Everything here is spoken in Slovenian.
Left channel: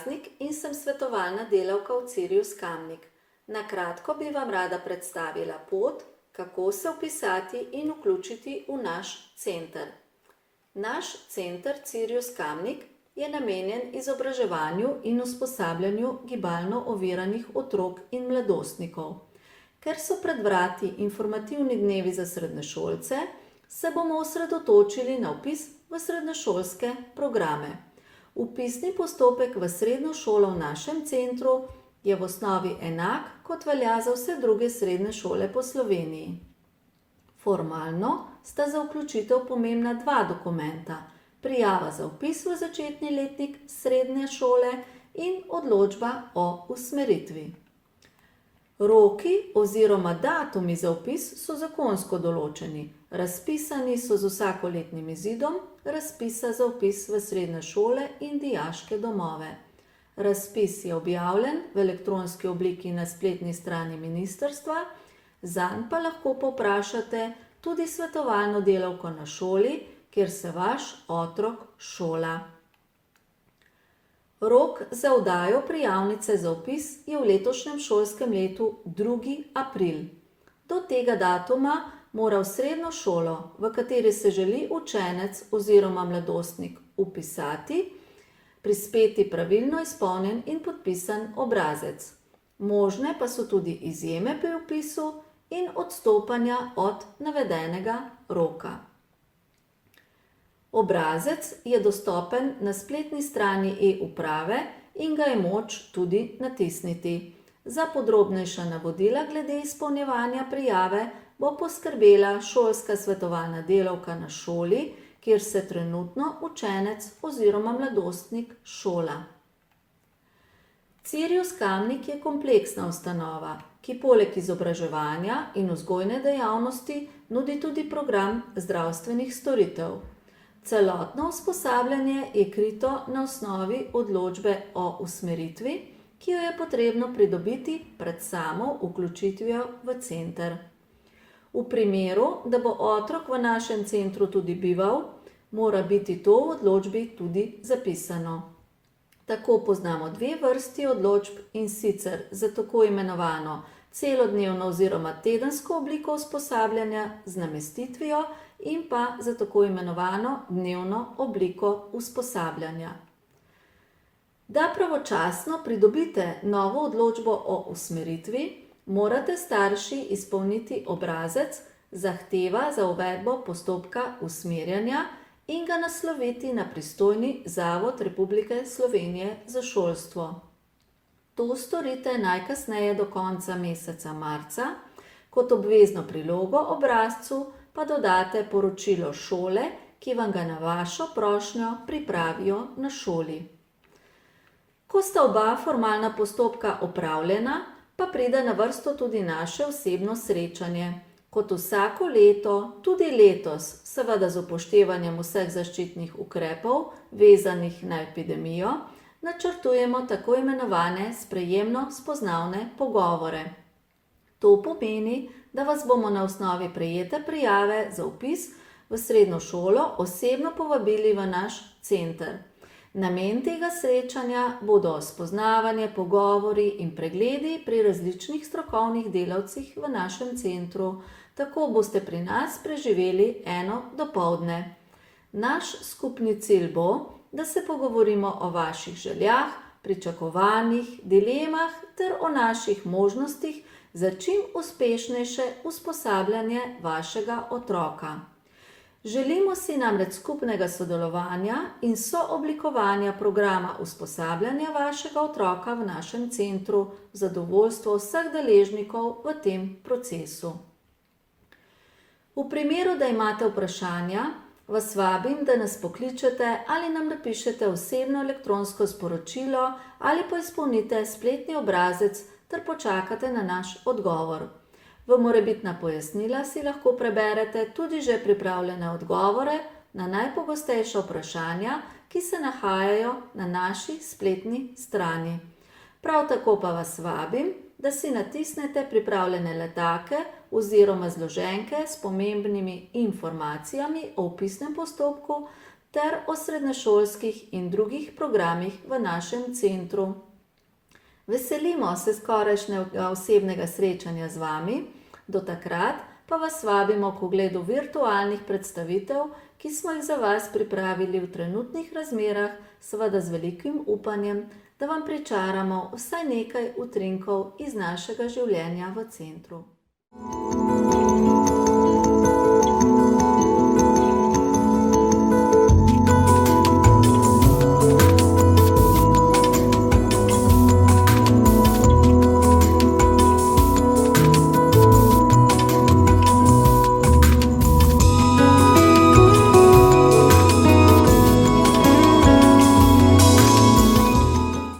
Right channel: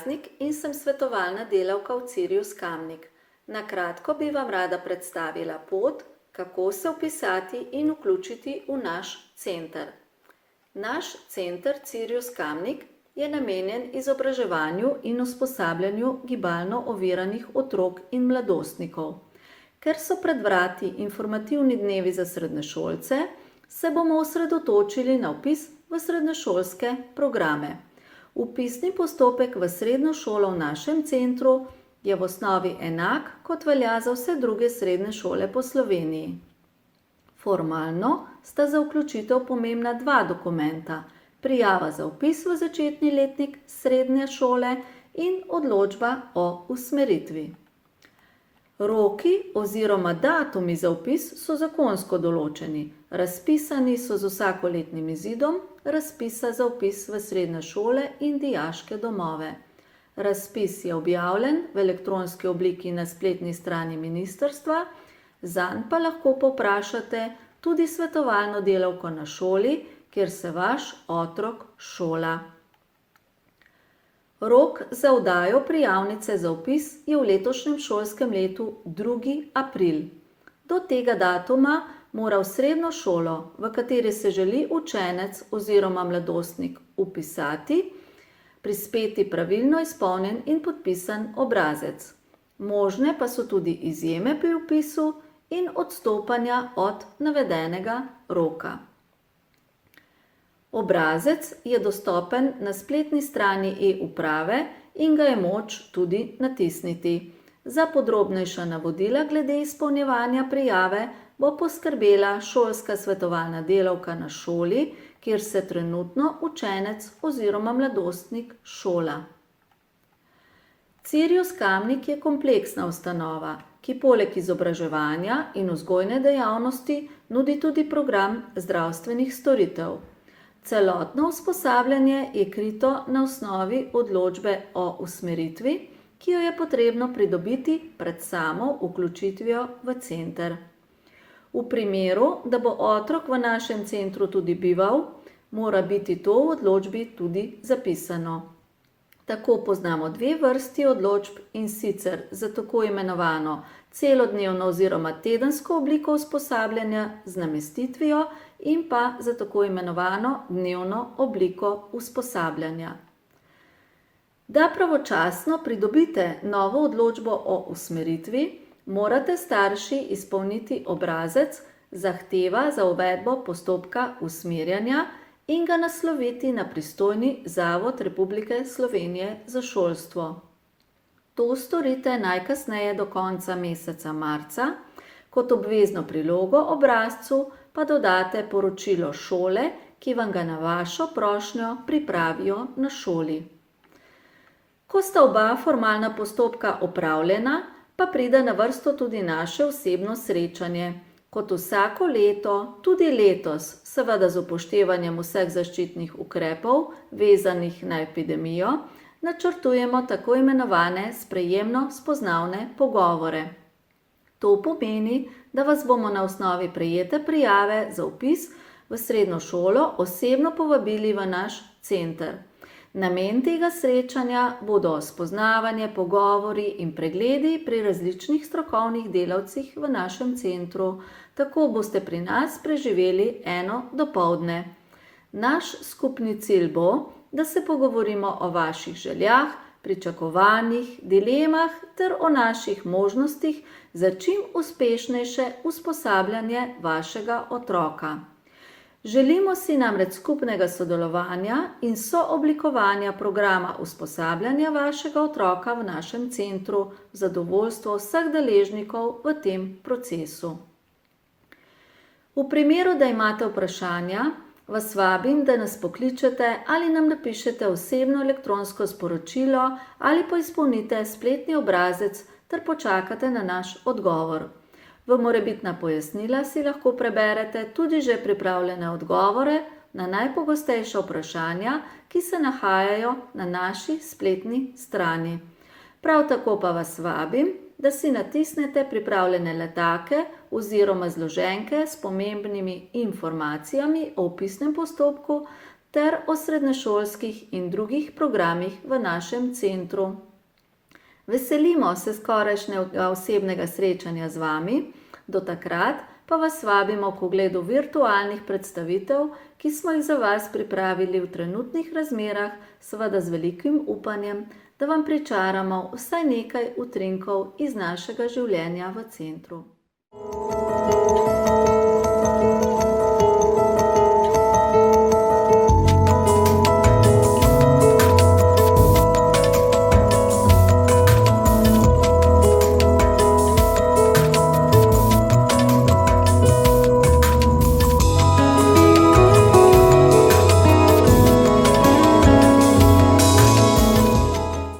Praznik in sem svetovalna delavka v Sirius Kamnik. Na kratko bi vam rada predstavila pot, kako se vpisati in vključiti v naš center. Naš center Sirius Kamnik je namenjen izobraževanju in usposabljanju gibalno oviranih otrok in mladostnikov. Ker so pred vrati informativni dnevi za srednješolce, se bomo osredotočili na vpis v srednješolske programe. Vpisni postopek v srednjo šolo v našem centru je v osnovi enak, kot velja za vse druge srednje šole po Sloveniji. Formalno sta za vključitev pomembna dva dokumenta: prijava za vpis v začetni letnik srednje šole in odločba o usmeritvi. Roki oziroma datumi za vpis so zakonsko določeni. Razpisani so z vsakoletnim izidom razpisa za vpis v srednje šole in dijaške domove. Razpis je objavljen v elektronski obliki na spletni strani ministrstva, zanj pa lahko povprašate tudi svetovalno delavko na šoli, kjer se vaš otrok šola. Rok za oddajo prijavnice za vpis je v letošnjem šolskem letu 2. april. Do tega datuma mora v srednjo šolo, v kateri se želi učenec oziroma mladostnik vpisati, prispeti pravilno izpolnjen in podpisan obrazec. Možne pa so tudi izjeme pri vpisu in odstopanja od navedenega roka. Obrazec je dostopen na spletni strani e-uprave in ga je moč tudi natisniti. Za podrobnejša navodila glede izpolnjevanja prijave bo poskrbela šolska svetovalna delavka na šoli, kjer se trenutno učenec oziroma mladostnik šola. Sirius Kamnik je kompleksna ustanova, ki poleg izobraževanja in vzgojne dejavnosti nudi tudi program zdravstvenih storitev. Celotno usposabljanje je krito na osnovi odločbe o usmeritvi, ki jo je potrebno pridobiti pred samo vključitvijo v center. V primeru, da bo otrok v našem centru tudi bival, mora biti to v odločbi tudi zapisano. Tako poznamo dve vrsti odločb, in sicer za tako imenovano celodnevno oziroma tedensko obliko usposabljanja z namestitvijo in pa za tako imenovano dnevno obliko usposabljanja. Da pravočasno pridobite novo odločbo o usmeritvi, morate starši izpolniti obrazec zahteva za uvedbo postopka usmerjanja in ga nasloviti na pristojni Zavod Republike Slovenije za šolstvo. To storite najkasneje do konca meseca marca, kot obvezno prilogo obrazcu pa dodate poročilo šole, ki vam ga na vašo prošnjo pripravijo na šoli. Ko sta oba formalna postopka opravljena, pa pride na vrsto tudi naše osebno srečanje. Kot vsako leto, tudi letos, seveda z upoštevanjem vseh zaščitnih ukrepov, vezanih na epidemijo, načrtujemo tako imenovane sprejemno-spoznavne pogovore. To pomeni, da vas bomo na osnovi prejete prijave za vpis v srednjo šolo osebno povabili v naš center. Namen tega srečanja bodo spoznavanje, pogovori in pregledi pri različnih strokovnih delavcih v našem centru. Tako boste pri nas preživeli eno dopoldne. Naš skupni cilj bo, da se pogovorimo o vaših željah, pričakovanjih, dilemah ter o naših možnostih za čim uspešnejše usposabljanje vašega otroka. Želimo si namreč skupnega sodelovanja in sooblikovanja programa usposabljanja vašega otroka v našem centru v zadovoljstvo vseh deležnikov v tem procesu. V primeru, da imate vprašanja, vas vabim, da nas pokličete ali nam napišete osebno elektronsko sporočilo ali pa izpolnite spletni obrazec ter počakate na naš odgovor. V morebitna pojasnila si lahko preberete tudi že pripravljene odgovore na najpogostejša vprašanja, ki se nahajajo na naši spletni strani. Prav tako pa vas vabim, da si natisnete pripravljene letake oziroma zloženke s pomembnimi informacijami o vpisnem postopku ter o srednješolskih in drugih programih v našem centru. Veselimo se skorajšnjega osebnega srečanja z vami, do takrat pa vas vabimo k ogledu virtualnih predstavitev, ki smo jih za vas pripravili v trenutnih razmerah, seveda z velikim upanjem, da vam pričaramo vsaj nekaj utrinkov iz našega življenja v centru.